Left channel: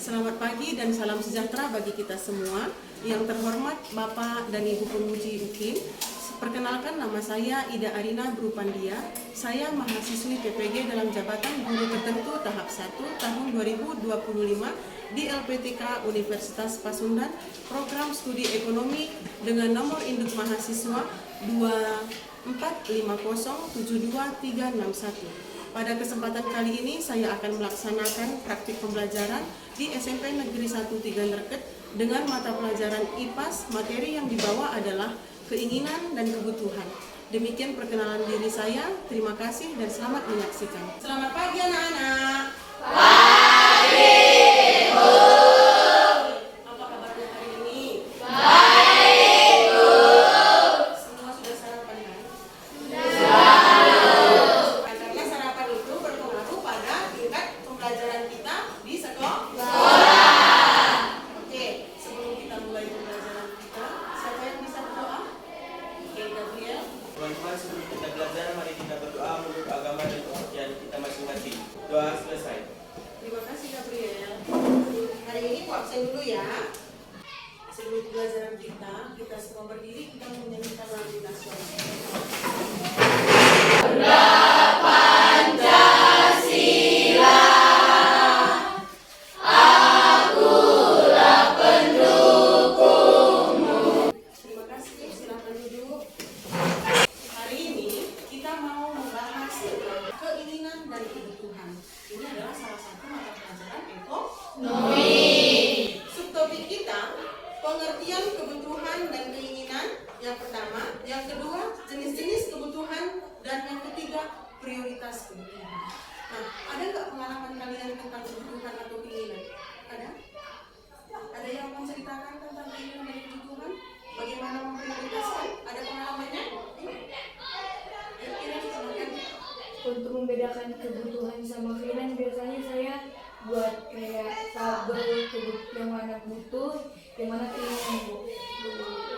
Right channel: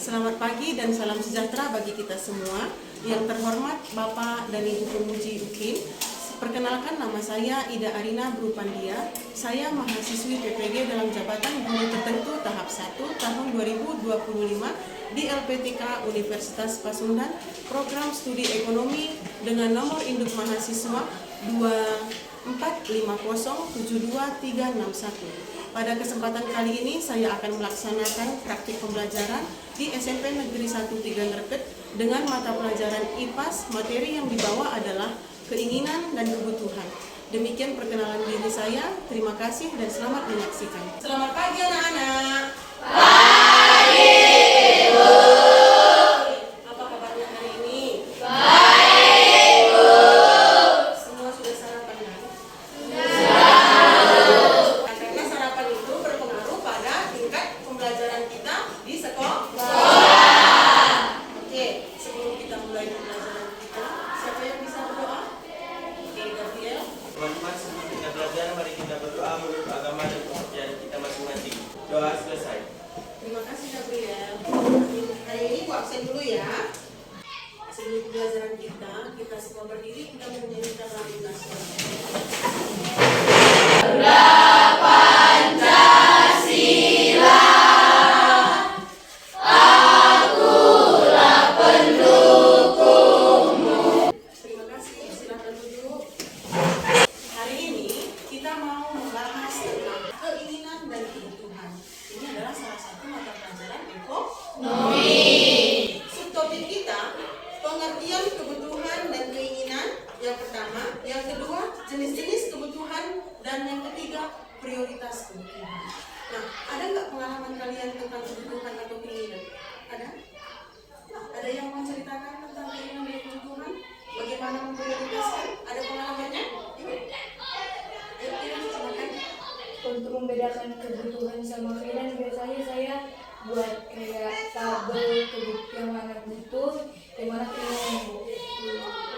Selamat pagi dan salam sejahtera bagi kita semua. Yang terhormat Bapak dan Ibu Pemuji UKIN, perkenalkan nama saya Ida Arina Brupandia. Saya mahasiswi PPG dalam jabatan guru tertentu tahap 1 tahun 2025 di LPTK Universitas Pasundan, program studi ekonomi dengan nomor induk mahasiswa 245072361. Pada kesempatan kali ini saya akan melaksanakan praktik pembelajaran di SMP Negeri 1 Tiga Nerket dengan mata pelajaran IPAS. Materi yang dibawa adalah keinginan dan kebutuhan. Demikian perkenalan diri saya. Terima kasih dan selamat menyaksikan. Selamat pagi anak-anak. Pagi, Ibu. Apa kabarnya hari ini? Baik, Bu. Semua sudah sarapan kan? Karena sarapan itu berpengaruh pada tingkat pembelajaran kita di sekolah. Oke, sebelum kita mulai pembelajaran kita, siapa yang bisa berdoa? Oke, Gabriel. Teman-teman, sebelum kita belajar, mari kita berdoa menurut agama dan kepercayaan kita masing-masing. Doa selesai. Terima kasih Gabriel. Hari ini aku absen dulu ya. Sebelum pembelajaran kita semua berdiri, kita menyanyikan lagu nasional. Terima kasih, silakan duduk. Hari ini kita mau membahas tentang keinginan dan kebutuhan. Ini adalah salah satu mata pelajaran ekonomi. Subtopik kita, pengertian kebutuhan dan keinginan yang pertama, yang kedua, jenis-jenis kebutuhan, dan yang ketiga, prioritas kebutuhan. Nah, ada nggak pengalaman kalian tentang kebutuhan atau keinginan? Ada? Ada yang mau ceritakan tentang keinginan dan kebutuhan? Bagaimana memprioritaskan? Ada pengalamannya? Ayo, silakan. Untuk membedakan kebutuhan sama keinginan, biasanya saya buat kayak tabel yang mana butuh, yang mana keinginan, Bu.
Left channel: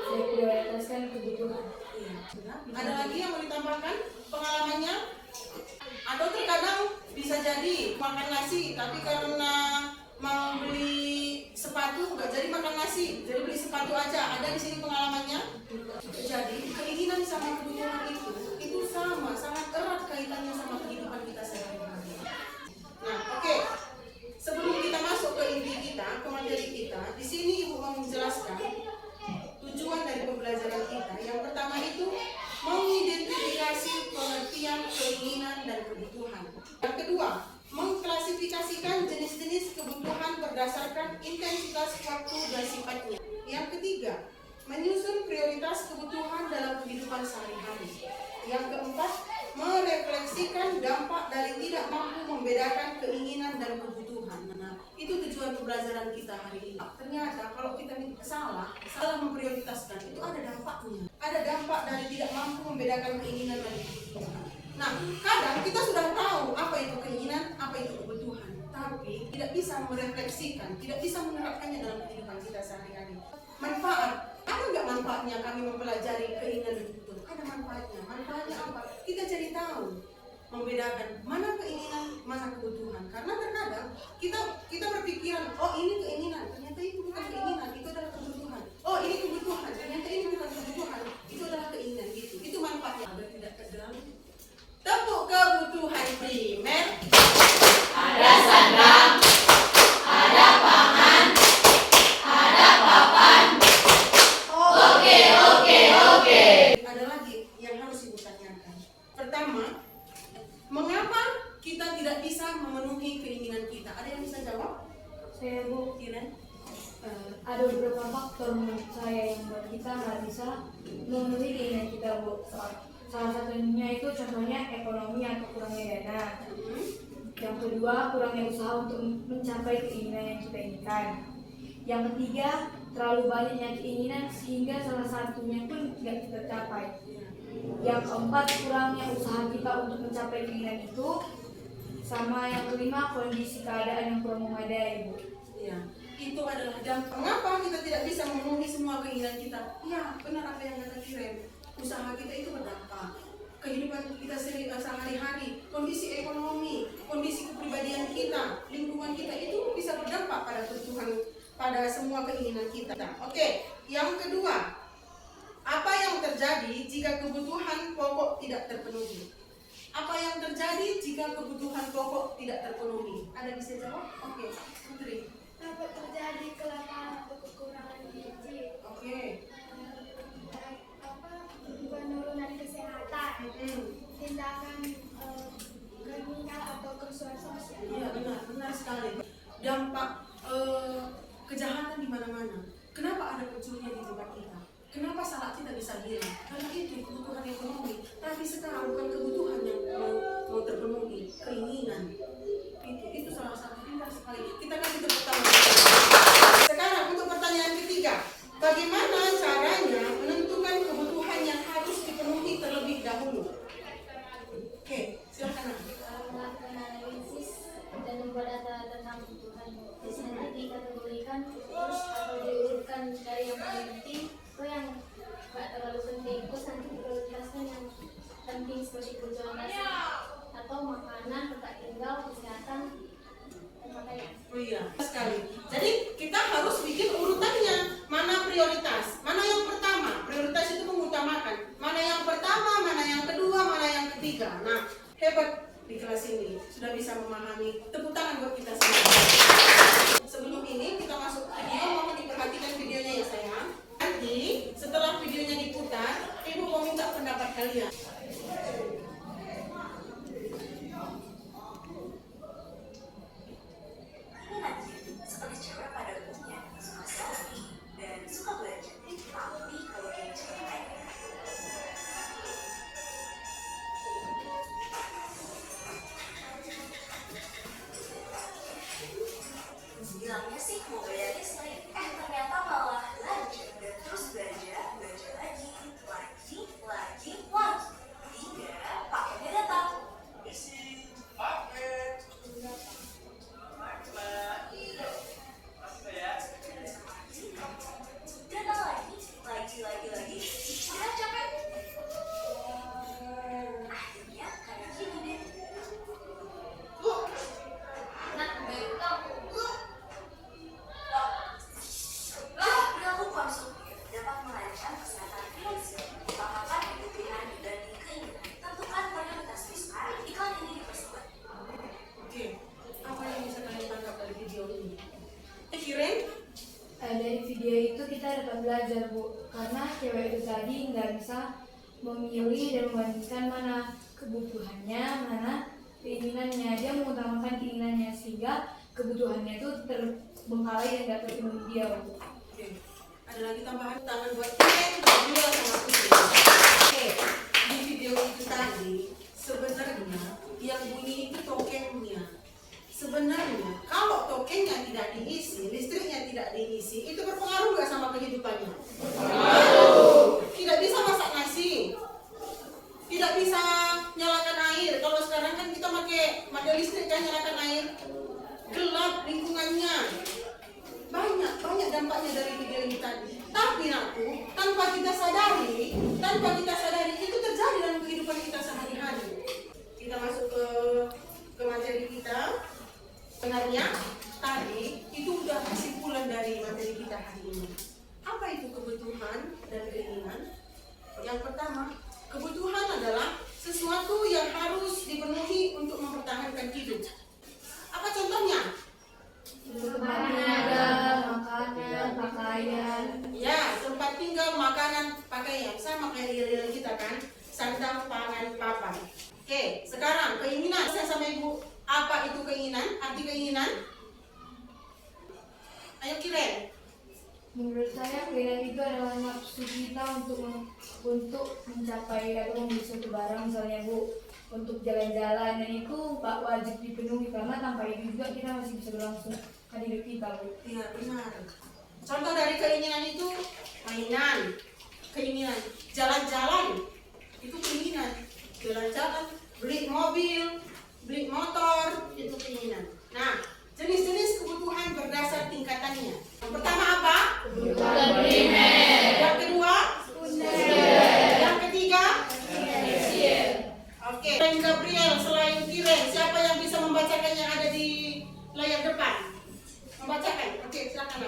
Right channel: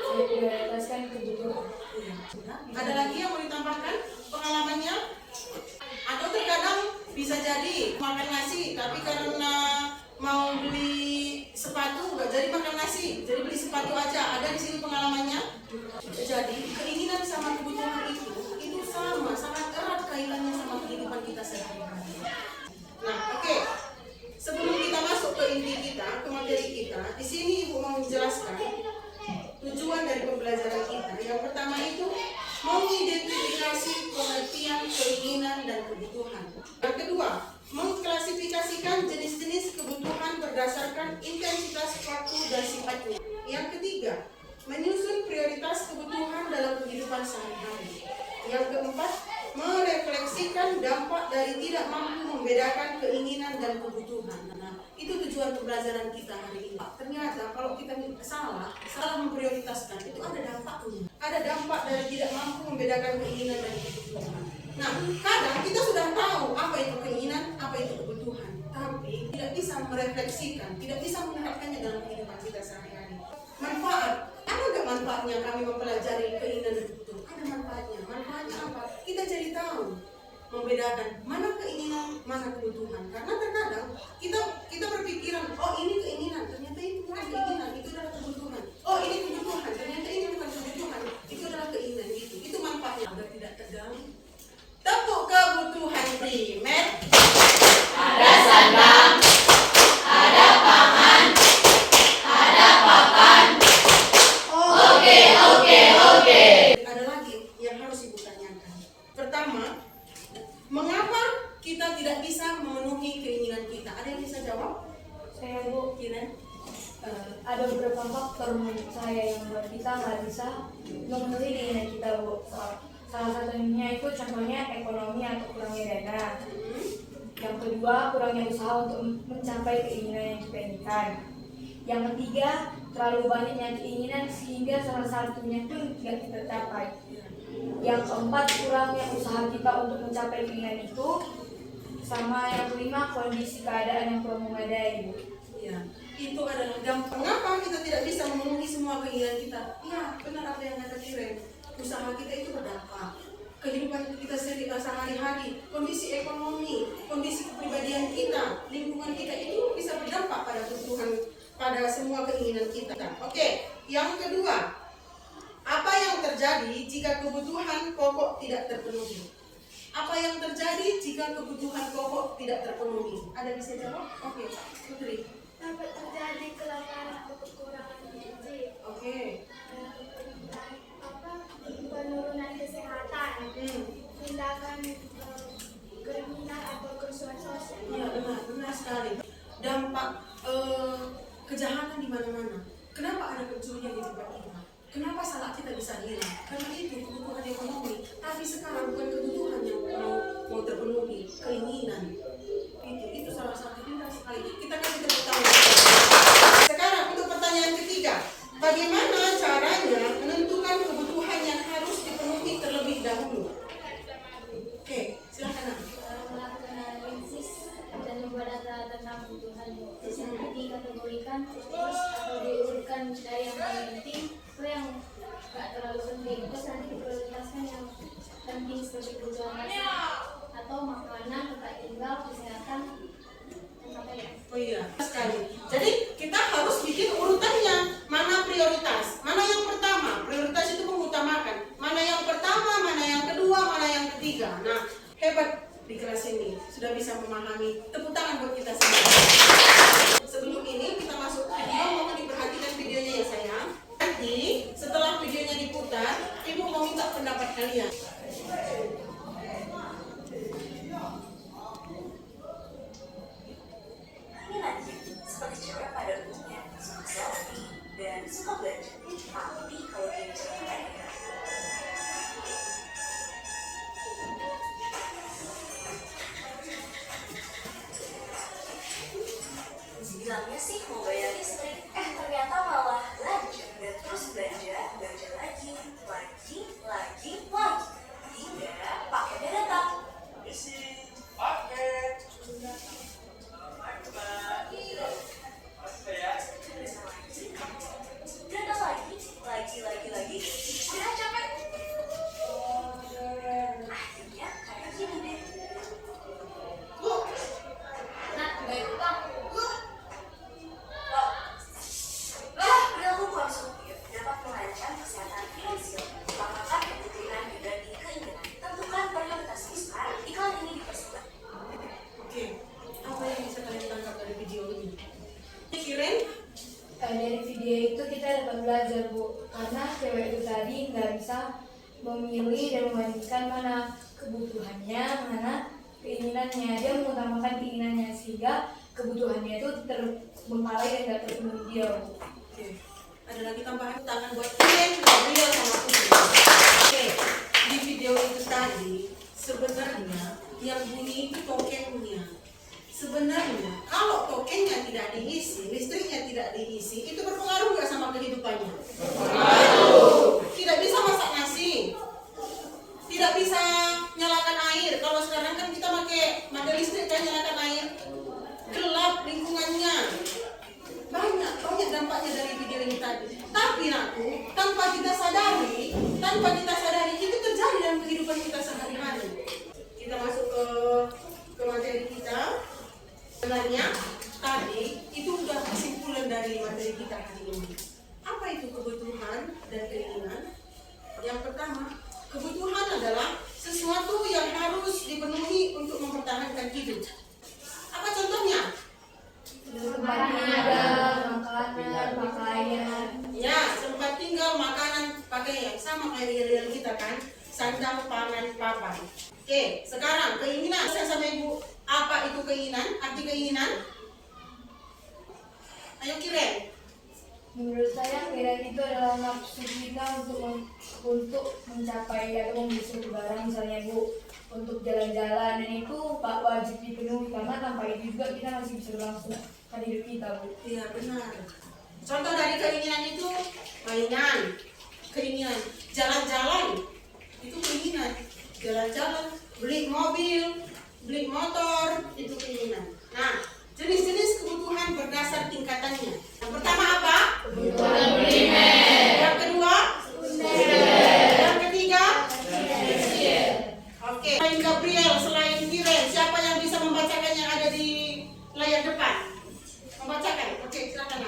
Saya prioritaskan kebutuhan. Iya, sudah. Ada lagi yang mau ditambahkan pengalamannya? Atau terkadang bisa jadi makan nasi, tapi karena mau beli sepatu nggak jadi makan nasi, jadi beli sepatu aja. Ada di sini pengalamannya? Jadi keinginan sama kebutuhan itu sama, sangat erat kaitannya sama kehidupan kita sehari-hari. Nah, oke. Sebelum kita masuk ke inti kita, ke materi kita, di sini Ibu mau menjelaskan tujuan dari pembelajaran kita. Yang pertama itu mengidentifikasi pengertian keinginan dan kebutuhan. Yang kedua, mengklasifikasikan jenis-jenis kebutuhan berdasarkan intensitas waktu dan sifatnya. Yang ketiga, menyusun prioritas kebutuhan dalam kehidupan sehari-hari. Yang keempat, merefleksikan dampak dari tidak mampu membedakan keinginan dan kebutuhan. Nah, itu tujuan pembelajaran kita hari ini. Ternyata kalau kita salah memprioritaskan, itu ada dampaknya. Ada dampak dari tidak mampu membedakan keinginan dan kebutuhan. Nah, kadang kita sudah tahu apa itu keinginan, apa itu kebutuhan, tapi tidak bisa merefleksikan, tidak bisa menerapkannya dalam kehidupan kita sehari-hari. Manfaat, ada nggak manfaatnya kami mempelajari keinginan dan kebutuhan? Ada manfaatnya. Manfaatnya apa? Kita jadi tahu membedakan mana keinginan, mana kebutuhan. Karena terkadang kita berpikiran, oh ini keinginan, ternyata itu bukan keinginan, itu adalah kebutuhan. Oh ini kebutuhan, ternyata ini bukan kebutuhan, itu adalah keinginan. Gitu. Itu manfaatnya agar tidak terganggu. Tepuk kebutuhan primer. Ada sandang, ada pangan, ada papan. Oke. Ada lagi yang harus Ibu tanyakan. Pertama, mengapa kita tidak bisa memenuhi keinginan kita? Ada yang bisa jawab? Saya, Bu, Kiran? ada beberapa faktor menurut saya yang membuat kita nggak bisa memenuhi keinginan kita, Bu. Salah satunya itu contohnya ekonomi atau kurangnya dana. Yang kedua, kurangnya usaha untuk mencapai keinginan yang kita inginkan. Yang ketiga, terlalu banyaknya keinginan sehingga salah satunya pun tidak kita capai. Yang keempat, kurangnya usaha kita untuk mencapai keinginan itu. Sama yang kelima, kondisi keadaan yang kurang memadai, Bu. Ya, itu adalah dampak. Mengapa kita tidak bisa memenuhi semua keinginan kita? Ya, benar apa yang kata Kiren. Usaha kita itu berdampak. Kehidupan kita sehari-hari, kondisi ekonomi, kondisi kepribadian kita, lingkungan kita itu bisa berdampak pada pada semua keinginan kita. Oke, yang kedua, apa yang terjadi jika kebutuhan pokok tidak terpenuhi? Apa yang terjadi jika kebutuhan pokok tidak terpenuhi? Ada bisa jawab? Oke, Putri. Dapat terjadi kelaparan atau kekurangan gizi. Oke. Penurunan kesehatan, tindakan kriminal atau kerusuhan sosial. Iya, benar sekali. Dampak kejahatan di mana-mana. Kenapa ada pencurian di tempat kita? Kenapa salah kita bisa hilang? Karena itu kebutuhan ekonomi. Tapi sekarang bukan kebutuhan yang mau terpenuhi, keinginan. Itu salah satu pintar sekali. Kita kasih tepuk tangan. Sekarang untuk pertanyaan ketiga, bagaimana caranya menentukan kebutuhan yang harus dipenuhi terlebih dahulu? Oke, silakan. Melakukan analisis dan membuat data tentang kebutuhan. Terus nanti dikategorikan terus atau diurutkan dari yang paling penting ke yang nggak terlalu penting. Terus nanti diprioritaskan yang penting seperti kebutuhan dasar atau makanan, tempat tinggal, kesehatan, dan pakaian. Oh iya, sekali. Jadi kita harus bikin urutannya. Mana prioritas? Mana yang pertama? Prioritas itu mengutamakan. Mana yang pertama, mana yang kedua, mana yang ketiga. Nah, hebat di kelas ini. Sudah bisa memahami. Tepuk tangan buat kita semua. Sebelum ini kita masuk video, mohon diperhatikan videonya ya sayang. Nanti setelah videonya diputar, Ibu mau minta pendapat kalian. Ini Nadia, seperti cewek pada umumnya, suka selfie dan suka belajar. Tapi kalau dia cewek, bilangnya sih mau bayar listrik, ternyata malah belanja dan terus belanja lagi, hingga paketnya datang. Isi paket. Datang lagi, udah capek. Akhirnya kayak gini deh. Nah, bayar utang. Perilaku konsumtif dapat merancang kesehatan finansial, utamakan kebutuhan dibanding keinginan. Tentukan prioritas besar. Iklan ini dipersembahkan. Oke, apa yang bisa kalian tangkap dari video ini? Kiren? Dari video itu kita dapat belajar, Bu, karena cewek itu tadi nggak bisa memilih dan membandingkan mana kebutuhannya, mana keinginannya. Dia mengutamakan keinginannya sehingga kebutuhannya itu terbengkalai dan nggak terpenuhi dia, Bu. Oke, ada lagi tambahan tangan buat Kiren, Gabriel sama Putri. Oke, di video itu tadi sebenarnya yang bunyi itu tokennya. Sebenarnya kalau tokennya tidak diisi, listriknya tidak diisi, itu berpengaruh nggak sama kehidupannya? Berpengaruh. Tidak bisa masak nasi, tidak bisa nyalakan air. Kalau sekarang kan kita pakai mata listrik kan nyalakan air, gelap lingkungannya. Banyak dampaknya dari video ini tadi. Tapi aku tanpa kita sadari itu terjadi dalam kehidupan kita sehari-hari. Kita masuk ke materi kita. Sebenarnya tadi itu udah kesimpulan dari materi kita hari ini. Apa itu kebutuhan dan keinginan? Yang pertama, kebutuhan adalah sesuatu yang harus dipenuhi untuk mempertahankan hidup. Apa contohnya? Tempat tinggal, makanan, pakaian. Ya, tempat tinggal, makanan, pakaian. Sama kayak real kita kan, sandang, pangan, papan. Oke, sekarang keinginan. Saya sama Ibu, apa itu keinginan? Arti keinginan? Ayo Kiren. Menurut saya keinginan itu adalah nafsu kita untuk mencapai atau membeli suatu barang, misalnya, Bu, untuk jalan-jalan, dan itu tak wajib dipenuhi karena tanpa itu juga kita masih bisa berlangsungkan hidup kita, Bu. Iya benar. Contoh dari keinginan itu mainan, keinginan jalan-jalan, itu keinginan. Jalan-jalan, beli mobil, beli motor, itu keinginan. Nah, jenis-jenis kebutuhan berdasar tingkatannya. Yang pertama apa? Kebutuhan primer. Yang kedua? Yang ketiga? Oke. Selain Gabriel, selain Kiren, siapa yang bisa membacakan yang ada di layar depan? Membacakan? Oke, silakan.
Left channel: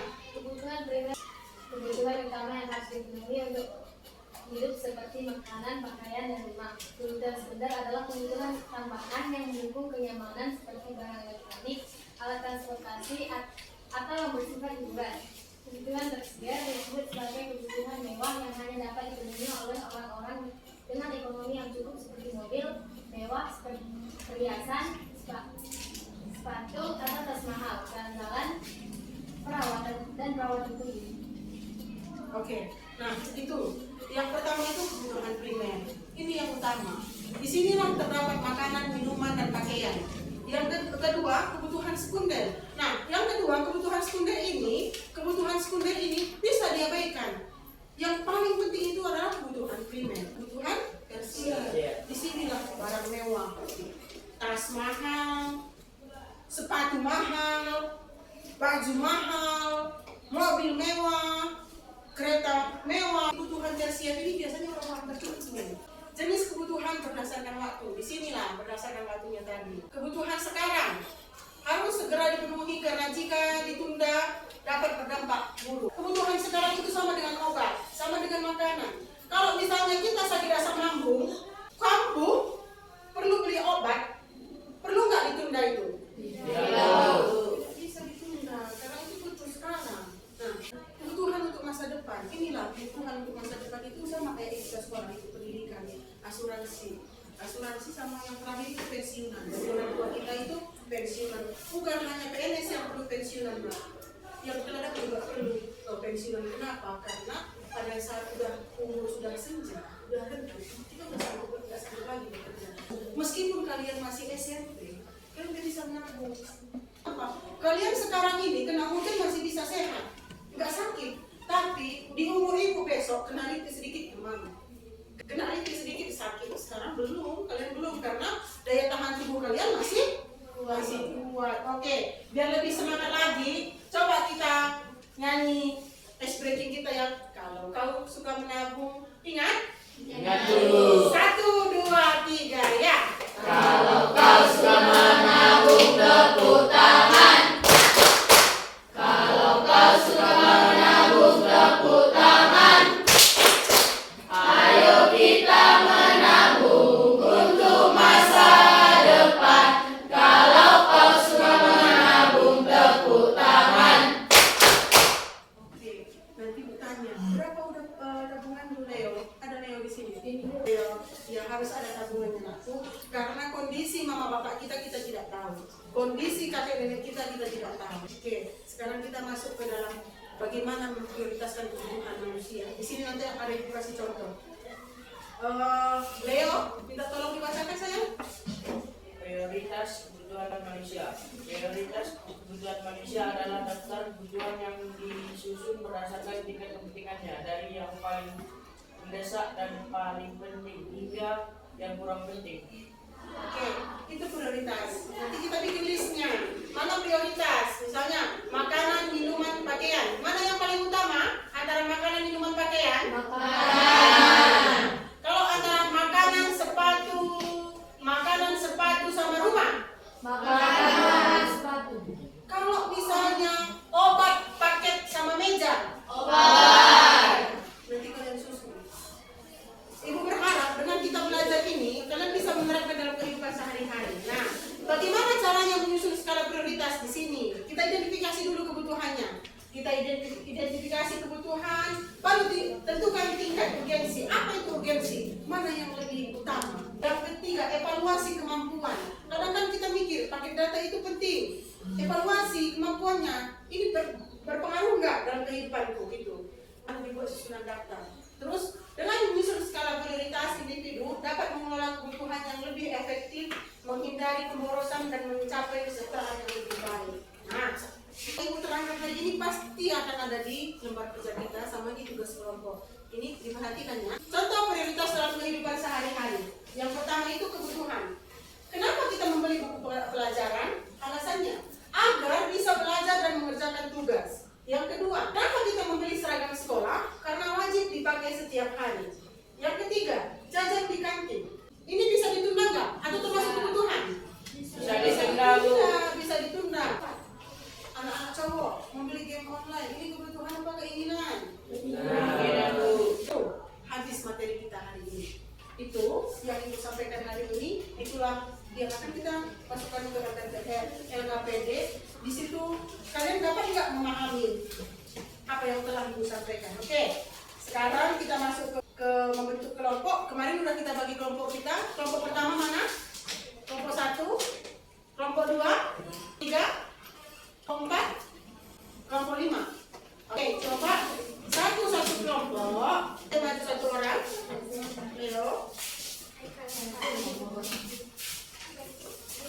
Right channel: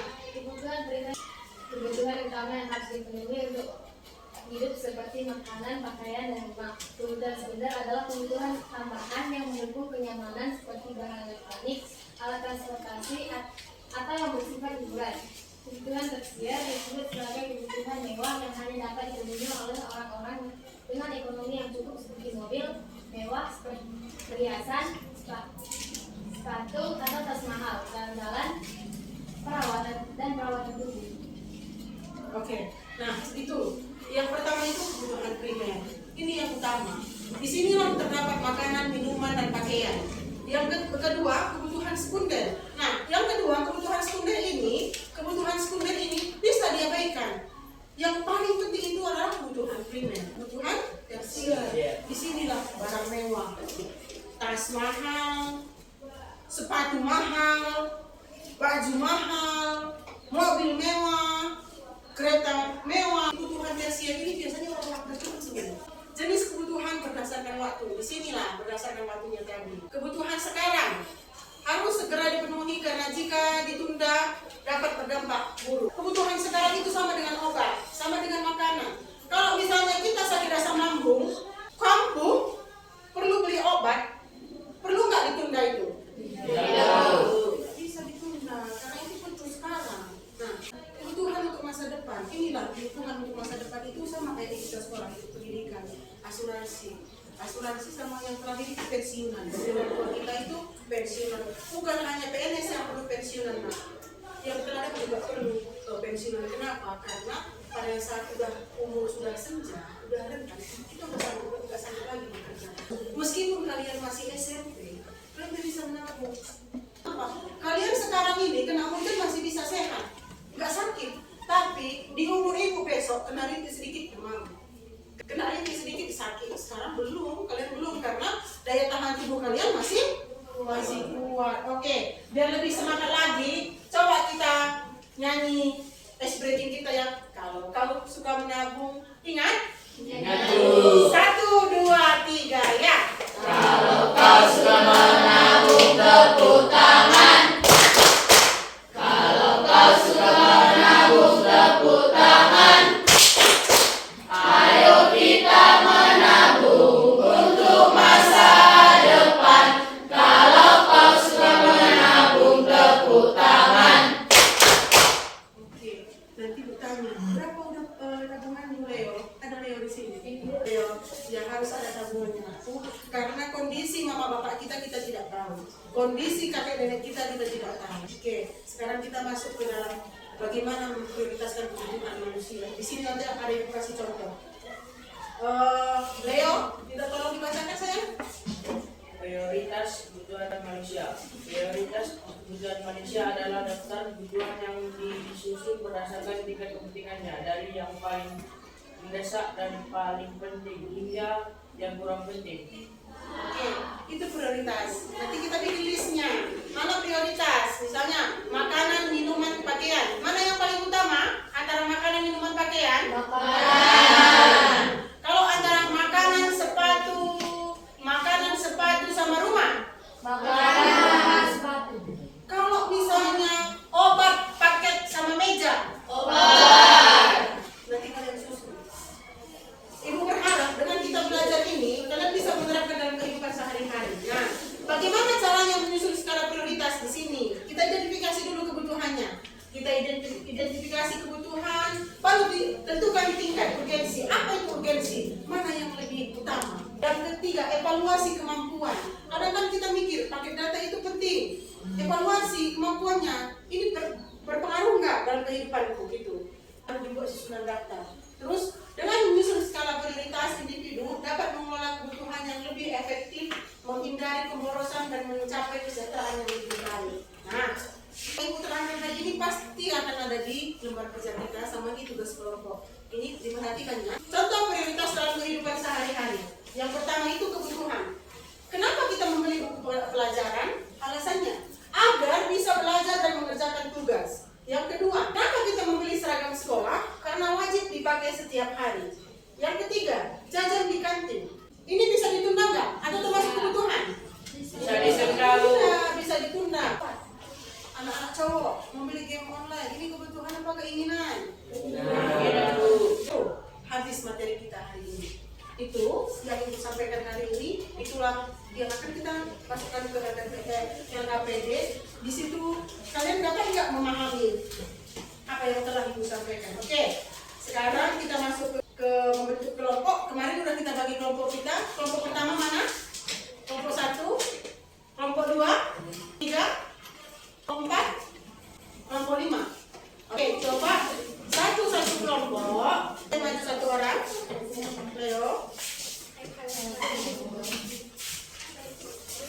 makanan, pakaian, dan rumah. Kebutuhan sekunder adalah kebutuhan tambahan yang mendukung kenyamanan seperti barang elektronik, alat transportasi, atau yang bersifat hiburan. Kebutuhan tersier disebut sebagai kebutuhan mewah yang hanya dapat dipenuhi oleh orang-orang dengan ekonomi yang cukup seperti mobil mewah, perhiasan, sepatu atau tas mahal, jalan-jalan, perawatan tubuh. Oke, nah itu yang pertama itu kebutuhan primer. Ini yang utama. Di sinilah terdapat makanan, minuman, dan pakaian. Yang kedua kebutuhan sekunder. Nah, yang kedua kebutuhan sekunder ini bisa diabaikan. Yang paling penting itu adalah kebutuhan primer, kebutuhan tersier. Di sinilah barang mewah, tas mahal, sepatu mahal, baju mahal, mobil mewah, kereta mewah. Kebutuhan tersier ini biasanya orang-orang bercukup semua. Jenis kebutuhan berdasarkan waktu. Di sinilah berdasarkan waktunya tadi. Kebutuhan sekarang harus segera dipenuhi karena jika ditunda dapat berdampak buruk. Kebutuhan sekarang itu sama dengan obat, sama dengan makanan. Kalau misalnya kita sakit asam lambung, kambuh, perlu beli obat, perlu nggak ditunda itu? Tidak bisa ditunda karena itu perlu sekarang. Nah, kebutuhan untuk masa depan, inilah kebutuhan untuk masa depan itu sama kayak kita sekolah itu pendidikan, asuransi sama yang terakhir itu pensiunan. Jadi orang tua kita itu pensiunan, bukan hanya PNS yang perlu pensiunan, nah. Yang terakhir juga perlu pensiunan. Kenapa? Karena pada saat umur sudah senja, sudah rentan, kita nggak sanggup lagi bekerja. Meskipun kalian masih SMP, kalian bisa menabung. Apa? Kalian sekarang ini kena hujan masih bisa sehat, nggak sakit. Tapi di umur ibu besok kena rintik sedikit demam, kena rintik sedikit sakit. Sekarang belum, kalian belum karena daya tahan tubuh kalian masih kuat. Oke, biar lebih semangat lagi, coba kita nyanyi ice breaking kita yang kalau kau suka menabung, ingat? Ingat dulu. 1, 2, 3, ya. Kalau kau suka menabung tepuk tangan. Kalau kau suka menabung tepuk tangan. Ayo kita menabung untuk masa depan. Kalau kau suka menabung tepuk tangan. Oke, nanti bertanya, berapa udah tabungan dulu Leo? Ada Leo di sini. Leo, ya harus ada tabungannya aku, karena kondisi mama bapak kita tidak tahu, kondisi kakek nenek kita tidak tahu. Oke, sekarang kita masuk ke dalam bagaimana memprioritaskan kebutuhan manusia. Di sini nanti ada yang kasih contoh. Leo, minta tolong dibacakan sayang. Prioritas kebutuhan manusia. Prioritas kebutuhan manusia adalah daftar kebutuhan yang disusun berdasarkan tingkat kepentingannya, dari yang paling mendesak dan paling penting hingga yang kurang penting. Oke, itu prioritas. Nanti kita bikin listnya. Mana prioritas? Misalnya makanan, minuman, pakaian. Mana yang paling utama antara makanan, minuman, pakaian? Makanan. Kalau antara makanan, sepatu sama rumah. Makanan, sepatu. Kalau misalnya obat, paket sama meja. Obat. Nanti kalian susun. Ibu berharap dengan kita belajar ini, kalian bisa menerapkan dalam kehidupan sehari-hari. Nah, bagaimana caranya menyusun skala prioritas di sini? Kita identifikasi dulu kebutuhannya. Kita identifikasi kebutuhan, baru tentukan tingkat urgensi. Apa itu urgensi? Mana yang lebih utama? Dan ketiga, evaluasi kemampuan. Kadang-kadang kita mikir paket data itu penting. Evaluasi kemampuannya, ini berpengaruh nggak dalam kehidupanku gitu. Harus dibuat susunan daftar. Terus dengan menyusun skala prioritas, individu dapat mengelola kebutuhan yang lebih efektif, menghindari pemborosan dan mencapai kesejahteraan yang lebih baik. Nah, ibu terangkan hari ini pasti akan ada di lembar kerja kita sama di tugas kelompok. Ini diperhatikan ya. Contoh prioritas dalam kehidupan sehari-hari. Yang pertama itu kebutuhan. Kenapa kita membeli buku pelajaran? Alasannya agar bisa belajar dan mengerjakan tugas. Yang kedua, kenapa kita membeli seragam sekolah? Karena wajib dipakai setiap hari. Yang ketiga, jajan di kantin. Ini bisa ditunda nggak? Atau termasuk kebutuhan? Bisa ditunda, Bu. Bisa ditunda. Anak-anak cowok membeli game online, ini kebutuhan apa keinginan? Nah, Bu. habis materi kita hari ini. Itu yang disampaikan hari ini, itulah yang akan kita masukkan ke LKPD. Di situ kalian dapat nggak memahami apa yang telah Ibu sampaikan? Oke, sekarang kita masuk ke membentuk kelompok. Kemarin sudah kita bagi kelompok kita. Kelompok pertama mana? Kelompok 1, kelompok 2, 3, kelompok 4, kelompok 5. Oke, coba satu kelompok. Maju satu orang. Leo.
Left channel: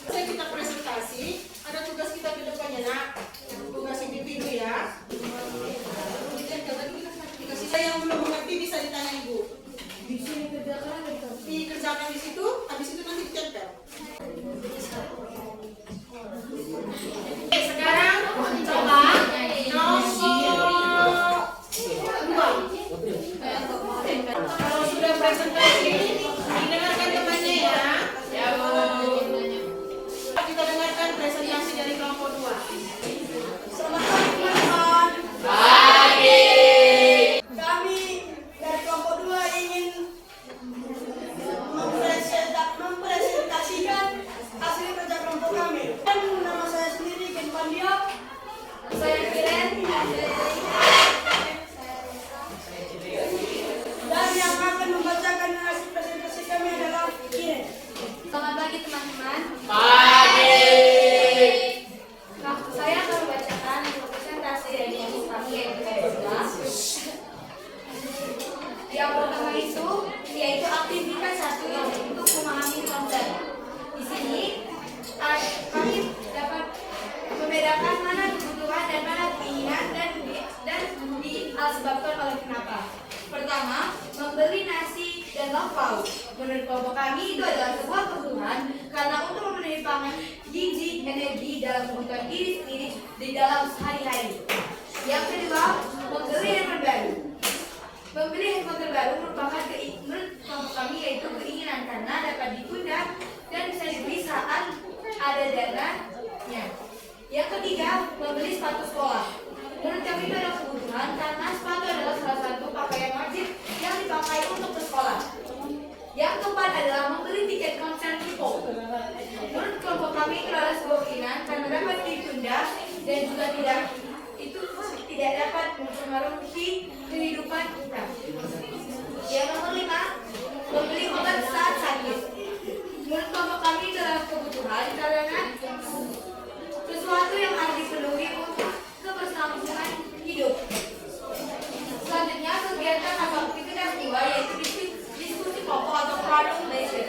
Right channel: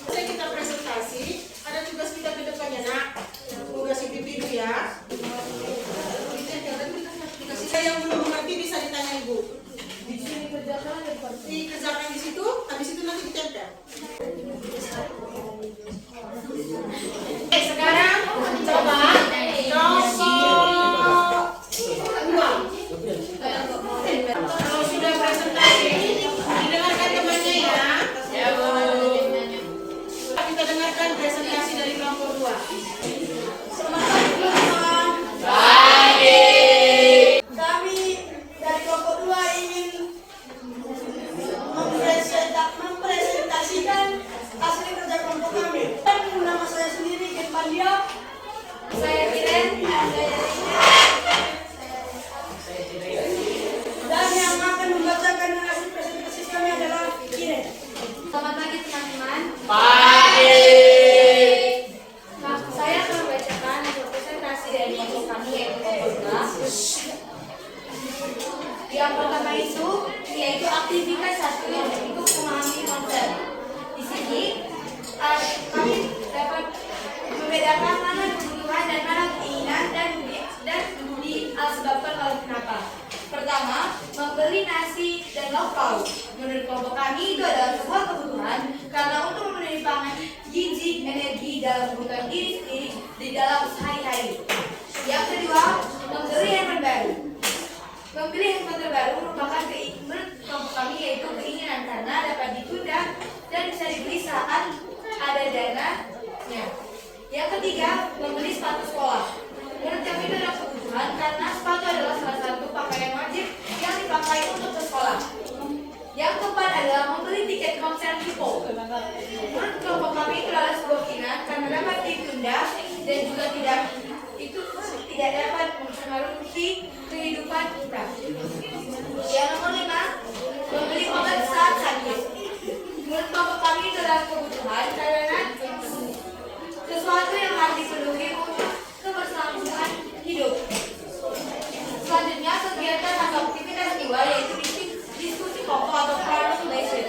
Selesai kita presentasi, ada tugas kita ke depannya, nak. Tugas individu ya. Yang belum mengerti bisa ditanya Ibu. Di sini kerjakan Dikerjakan di situ, habis itu nanti ditempel. Oke, sekarang coba kalau sudah presentasi, didengarkan temannya ya. Kita dengarkan presentasi dari kelompok 2. Selamat pagi teman-teman. Pagi. Kami dari kelompok 2 ingin mempresentasikan hasil kerja kelompok kami. Dan nama saya sendiri Ken Pandio. Saya Kiren. Dan yang akan membacakan hasil presentasi kami adalah Kiren. Selamat pagi teman-teman. Pagi. Nah, saya akan membacakan hasil presentasi dari kelompok kami yaitu kelompok 12. Yang pertama itu yaitu aktivitas 1 yang untuk memahami konsep. Di sini kami dapat membedakan mana kebutuhan dan mana keinginan dan disebabkan oleh kenapa. Pertama, membeli nasi dan lauk pauk. Menurut kelompok kami itu adalah sebuah kebutuhan karena untuk memenuhi pangan, gizi, energi dalam kebutuhan diri sendiri di dalam sehari-hari. Yang kedua, membeli handphone baru. Membeli handphone terbaru merupakan menurut kelompok kami yaitu keinginan karena dapat ditunda dan bisa dibeli saat ada dananya. Yang ketiga, membeli sepatu sekolah. Menurut kami itu adalah kebutuhan karena sepatu adalah salah satu pakaian wajib yang dipakai untuk ke sekolah. Yang keempat adalah membeli tiket konser K-pop. Menurut kelompok kami itu adalah sebuah keinginan karena dapat ditunda dan juga tidak dapat mempengaruhi kehidupan kita. Yang nomor 5, membeli obat saat sakit. Menurut kelompok kami itu adalah kebutuhan karena sesuatu yang harus dipenuhi untuk keberlangsungan hidup. Selanjutnya, kegiatan atau aktivitas 2 yaitu diskusi kelompok atau problem based.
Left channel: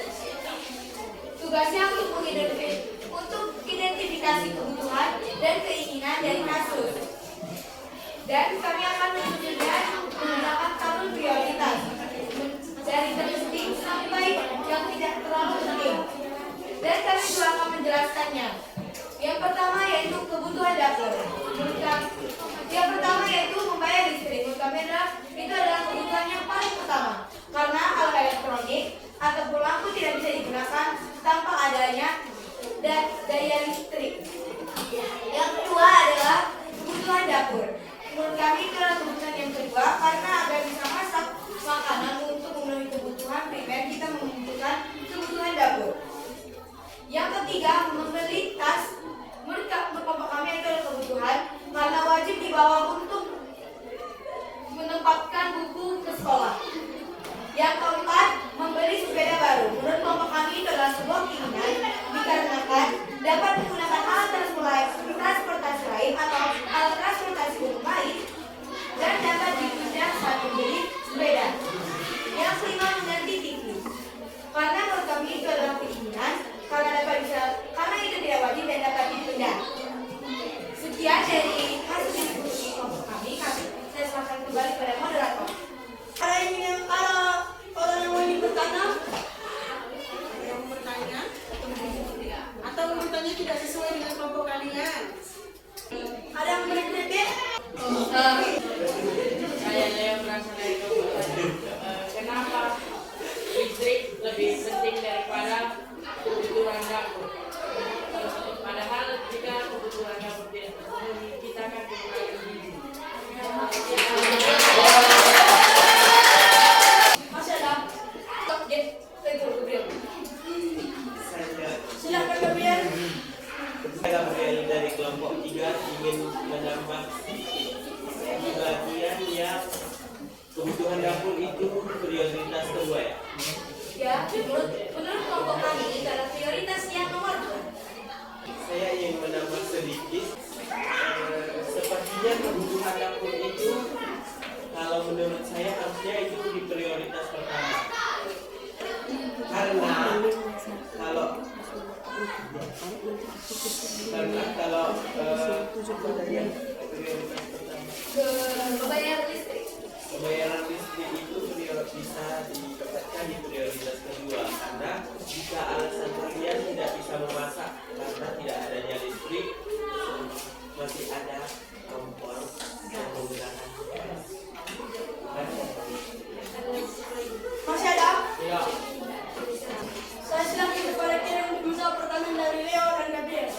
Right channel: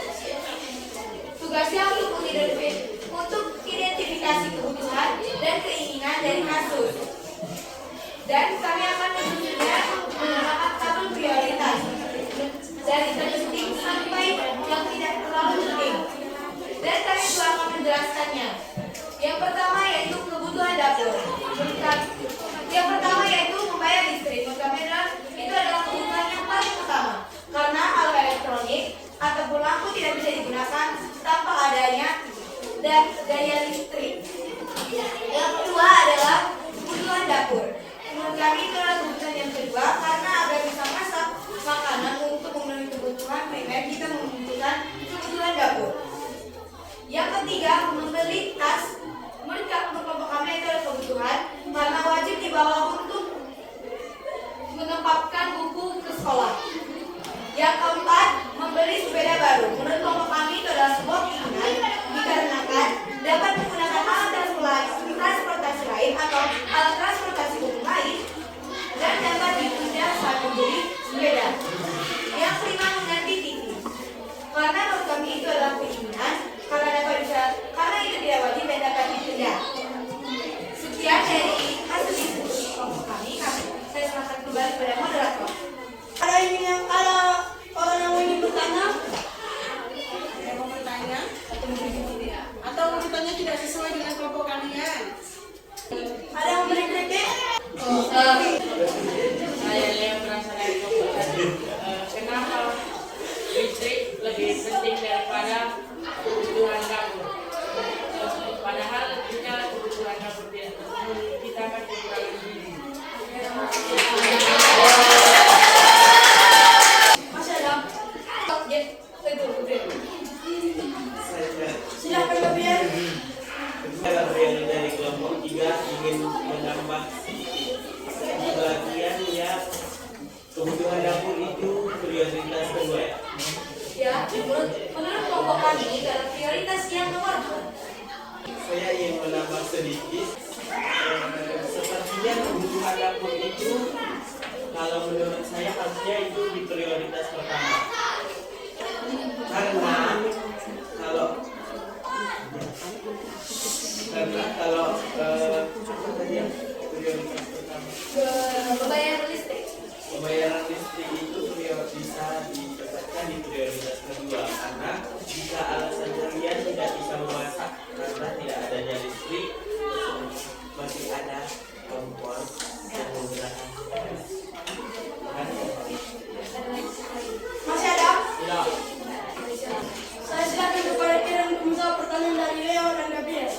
Tugasnya untuk identifikasi kebutuhan dan keinginan dari kasus. Dan kami akan menunjukkan menggunakan tabel prioritas dari terpenting sampai yang tidak terlalu penting. Dan kami telah akan menjelaskannya. Yang pertama yaitu kebutuhan dapur. Yang pertama yaitu membayar listrik. Menurut kami itu adalah kebutuhan yang paling utama karena alat elektronik ataupun lampu tidak bisa digunakan tanpa adanya daya listrik. Yang kedua adalah kebutuhan dapur. Menurut kami itu adalah kebutuhan yang kedua karena agar bisa masak makanan untuk memenuhi kebutuhan primer kita membutuhkan kebutuhan dapur. Yang ketiga, membeli tas. Menurut kelompok kami itu adalah kebutuhan karena wajib dibawa untuk menempatkan buku ke sekolah. Yang keempat, membeli sepeda baru. Menurut kelompok kami itu adalah sebuah keinginan dikarenakan dapat menggunakan alat transportasi lain atau alat transportasi umum lain dan dapat ditunda saat membeli sepeda. Yang kelima, mengganti TV. Karena menurut kami itu adalah keinginan karena itu tidak wajib dan dapat ditunda. Sekian dari hasil diskusi kelompok kami. Saya serahkan kembali kepada moderator. Ada orang yang ingin bertanya? Yang mau bertanya? Atau urutannya tidak sesuai dengan kelompok kalian? Ada yang memberi kritik? Saya Leo merasa dari kelompok tadi. Kenapa listrik lebih penting daripada kebutuhan dapur? Padahal jika kebutuhan dapur tidak terpenuhi, kita akan menambah bagian yang kebutuhan dapur itu prioritas kedua ya? Ya, menurut kelompok kami itu adalah prioritas yang nomor 2. Saya ingin menambah sedikit. Sepertinya kebutuhan dapur itu kalau menurut saya harusnya itu di prioritas pertama. Karena kalau apa tadi yang prioritas pertama? Pembayaran listrik. Pembayaran listrik itu bisa ditempatkan di prioritas kedua, karena jika alasan kalian tidak bisa memasak karena tidak adanya listrik, masih ada kompor yang menggunakan gas. Masih ada? Ya. Saya silakan kepada kirim menjawab pertanyaan dari Leo dan Gabriel.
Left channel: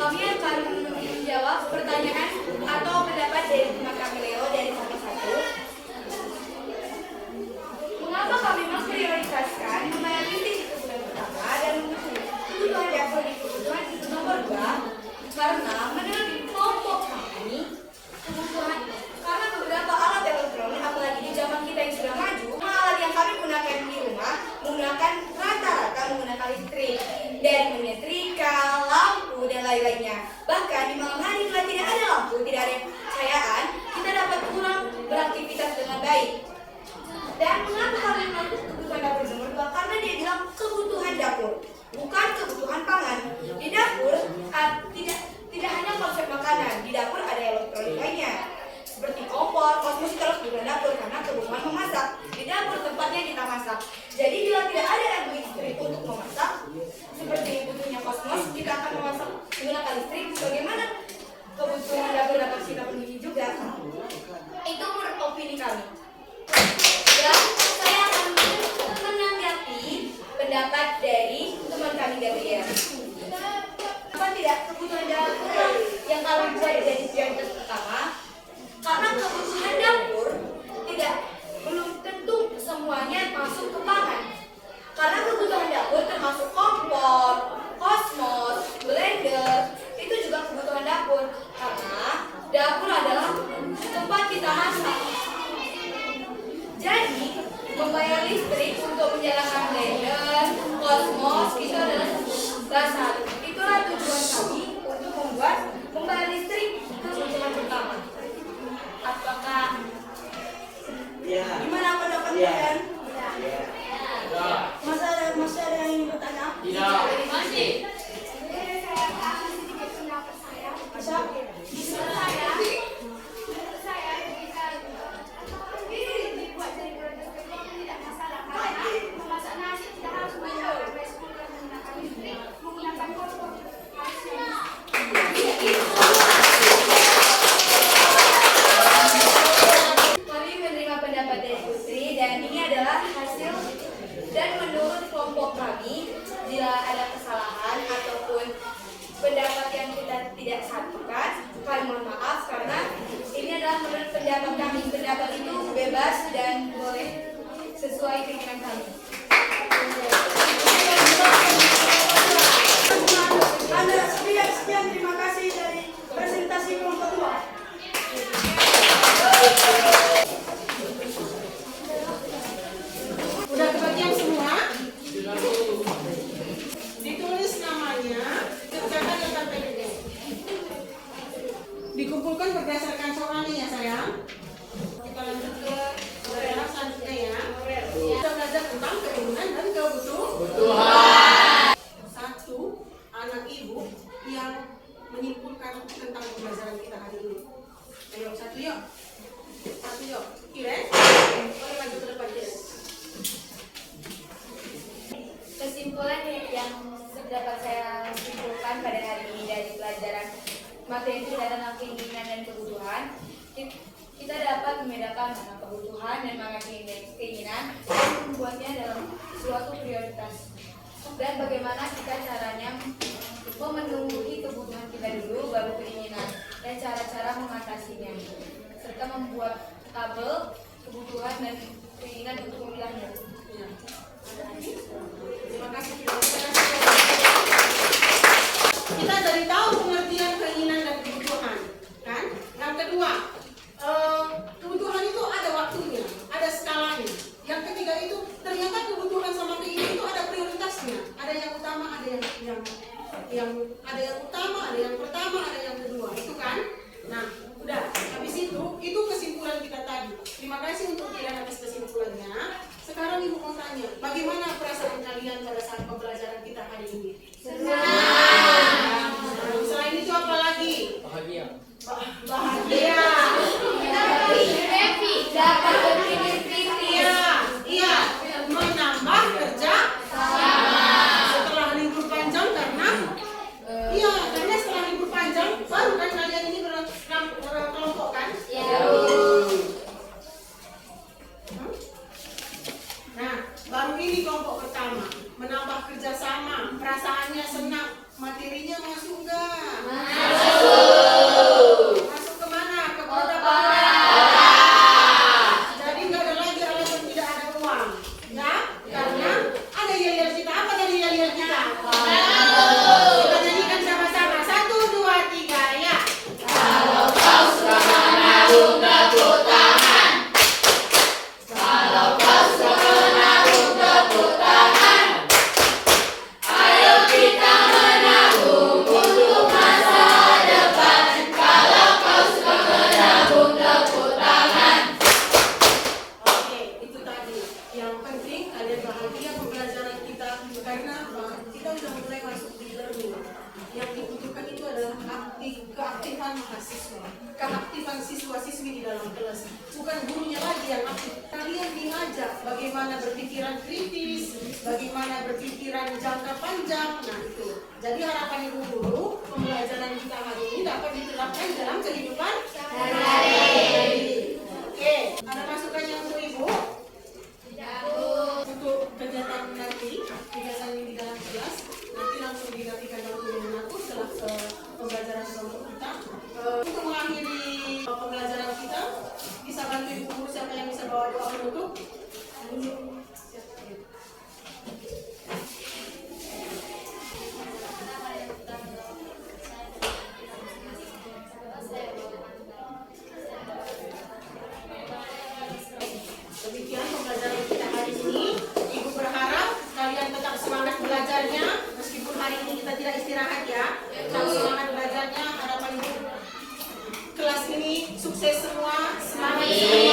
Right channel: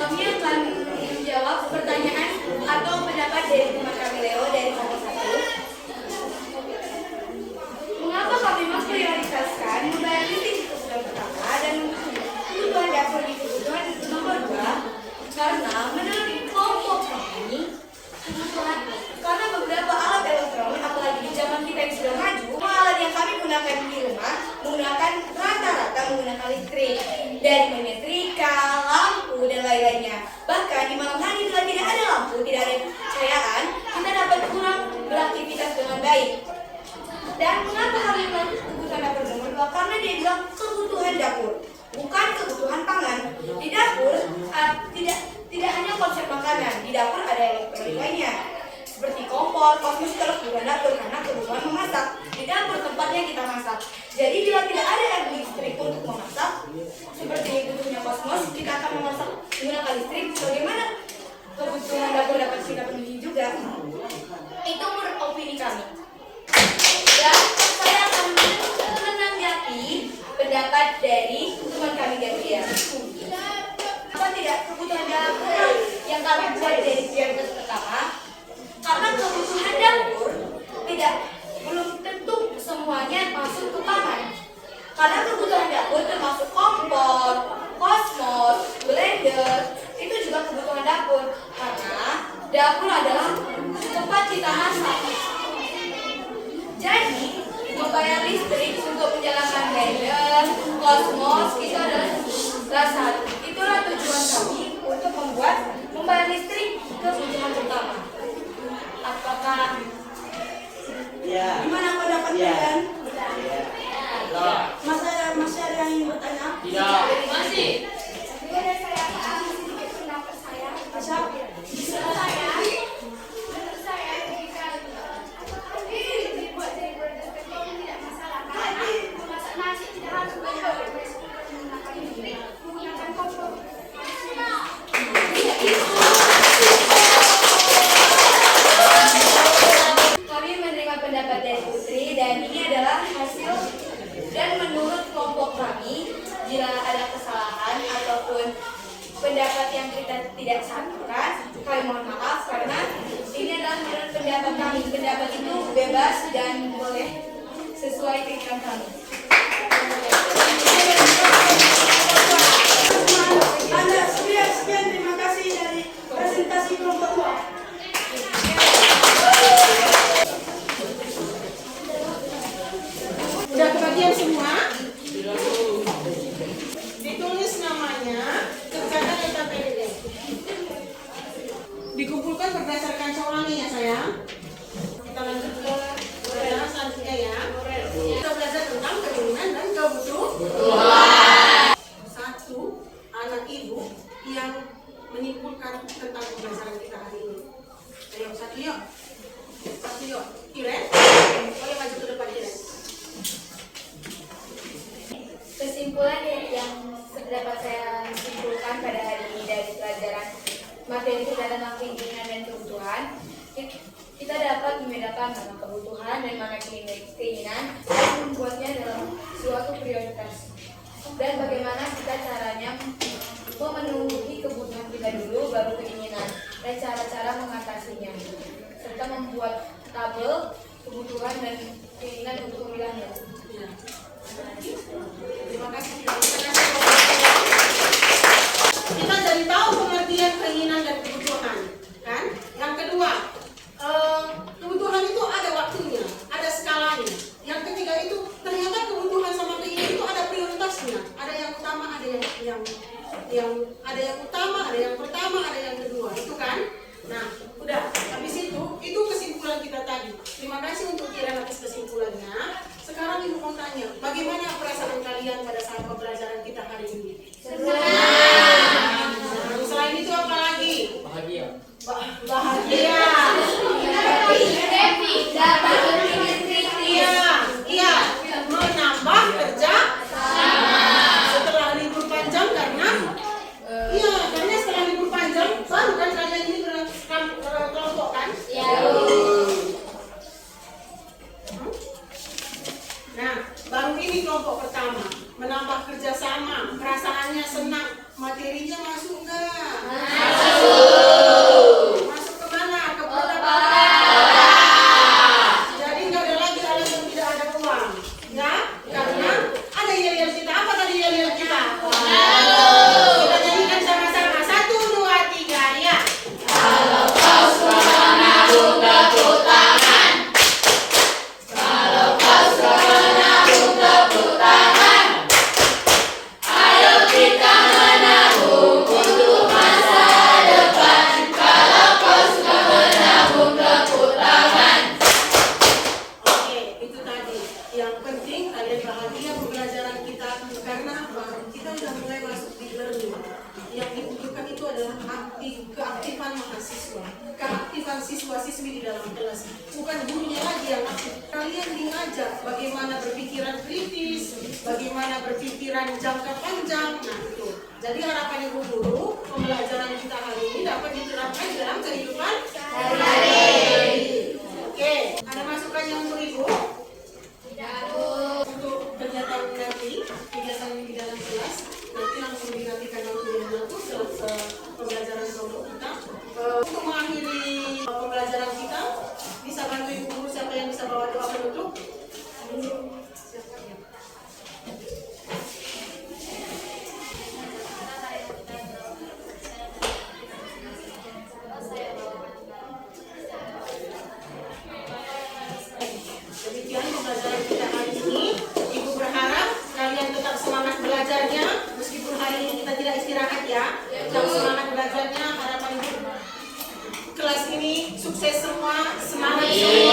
Kami akan menjawab pertanyaan atau pendapat dari teman kami Leo dari kelompok 1. Mengapa kami memprioritaskan membayar listrik di kebutuhan pertama dan kebutuhan dapur di kebutuhan nomor 2? Karena menurut kelompok kami karena beberapa alat elektronik, apalagi di zaman kita yang sudah maju, alat yang kami gunakan di rumah menggunakan rata-rata menggunakan listrik, dari menyetrika, lampu dan lain-lainnya. Bahkan di malam hari bila tidak ada lampu, tidak ada cahayaan, kita dapat kurang beraktivitas dengan baik. Dan mengapa harus melakukan kebutuhan dapur nomor 2? Karena dia bilang kebutuhan dapur, bukan kebutuhan pangan. Di dapur tidak hanya konsep makanan, di dapur ada elektronik lainnya seperti kompor, kosmetik terus juga dapur karena kebutuhan memasak. Di dapur tempatnya kita masak. Jadi bila tidak ada listrik untuk memasak, seperti butuhnya kosmos, kita akan memasak menggunakan listrik. Bagaimana kebutuhan dapur dapat kita penuhi juga? Itu menurut opini kami. Dan saya akan menanggapi pendapat dari teman kami Gabriel. Apa tidak kebutuhan dapur yang kami buat dari prioritas pertama? Karena kebutuhan dapur belum tentu semuanya masuk ke pangan. Karena kebutuhan dapur termasuk kompor, kosmos, blender, itu juga kebutuhan dapur. Karena dapur adalah tempat kita masak. Jadi, membayar listrik untuk menjalankan blender, kosmos, itu adalah dasar. Itulah tujuan kami untuk membayar listrik kebutuhan pertama. Apakah Ya. Gimana pendapat Ya. kalian? Ya. Masih ada yang ingin bertanya? Tidak. Masih. Boleh saya kasih sedikit pendapat saya? Menurut saya jika ini dibuat dari prioritas kedua tidak masalah karena memasak nasi tidak harus banyak resiko menggunakan listrik, menggunakan kompor. kami menerima pendapat dari Putri dan ini adalah hasil dan menurut kelompok kami bila ada kesalahan ataupun pendapat yang kita tidak satukan kami mohon maaf karena ini adalah menurut pendapat kami. Pendapat itu bebas dan boleh sesuai keinginan kami. Anda sekian terima kasih dari presentasi kelompok 2. Udah kebagian semua? Ditulis namanya, kerjakan LKPD. Dikumpulkan berdasarkan soalnya ya sayang. Kita lanjut ke pelajaran selanjutnya ya. Kita belajar tentang keturunan dan kebutuhan. 1. Anak ibu yang menyimpulkan tentang pembelajaran kita hari ini. Ayo, 1 yuk. 1 yuk. Kiren, boleh maju ke depan Kiren. Kesimpulan yang dapat saya simpulkan pada hari ini dari pelajaran materi tentang keinginan dan kebutuhan, kita dapat membedakan mana kebutuhan dan mana keinginan dan membuatnya dalam suatu prioritas. Dan bagaimana kita caranya memenuhi kebutuhan kita dulu baru keinginan dan cara-cara mengatasinya serta membuat tabel kebutuhan dan keinginan untuk memilahnya. Terima kasih. Kita jadi tahu keaktifan mahasiswa, keaktifan siswa-siswi di dalam kelas. Bukan gurunya lagi yang aktif. Kalian diajak bagaimana berpikiran kritis, bagaimana berpikiran jangka panjang. Nah itu. Jadi harapan ibu guru, pembelajaran kita hari ini dapat diterapkan dalam kehidupan sehari-hari. Oke, ada masukannya untuk ibu? Untuk kegiatan nanti, kegiatan ini di dalam kelas, nanti langsung digantikan dalam kuliah aku setelah pembelajaran kelompok kita. Untuk mengakhiri pembelajaran kita, bisa bantu ibu guru siapa yang bisa bawa doa penutup? Demikian pembelajaran kita hari ini. Ibu berharap kalian tetap semangat belajarnya meskipun hari ini kita tidak istirahat ya. Tetap semangat belajarnya. Harapan ibu kelas ini sukses semua. Semangat semua.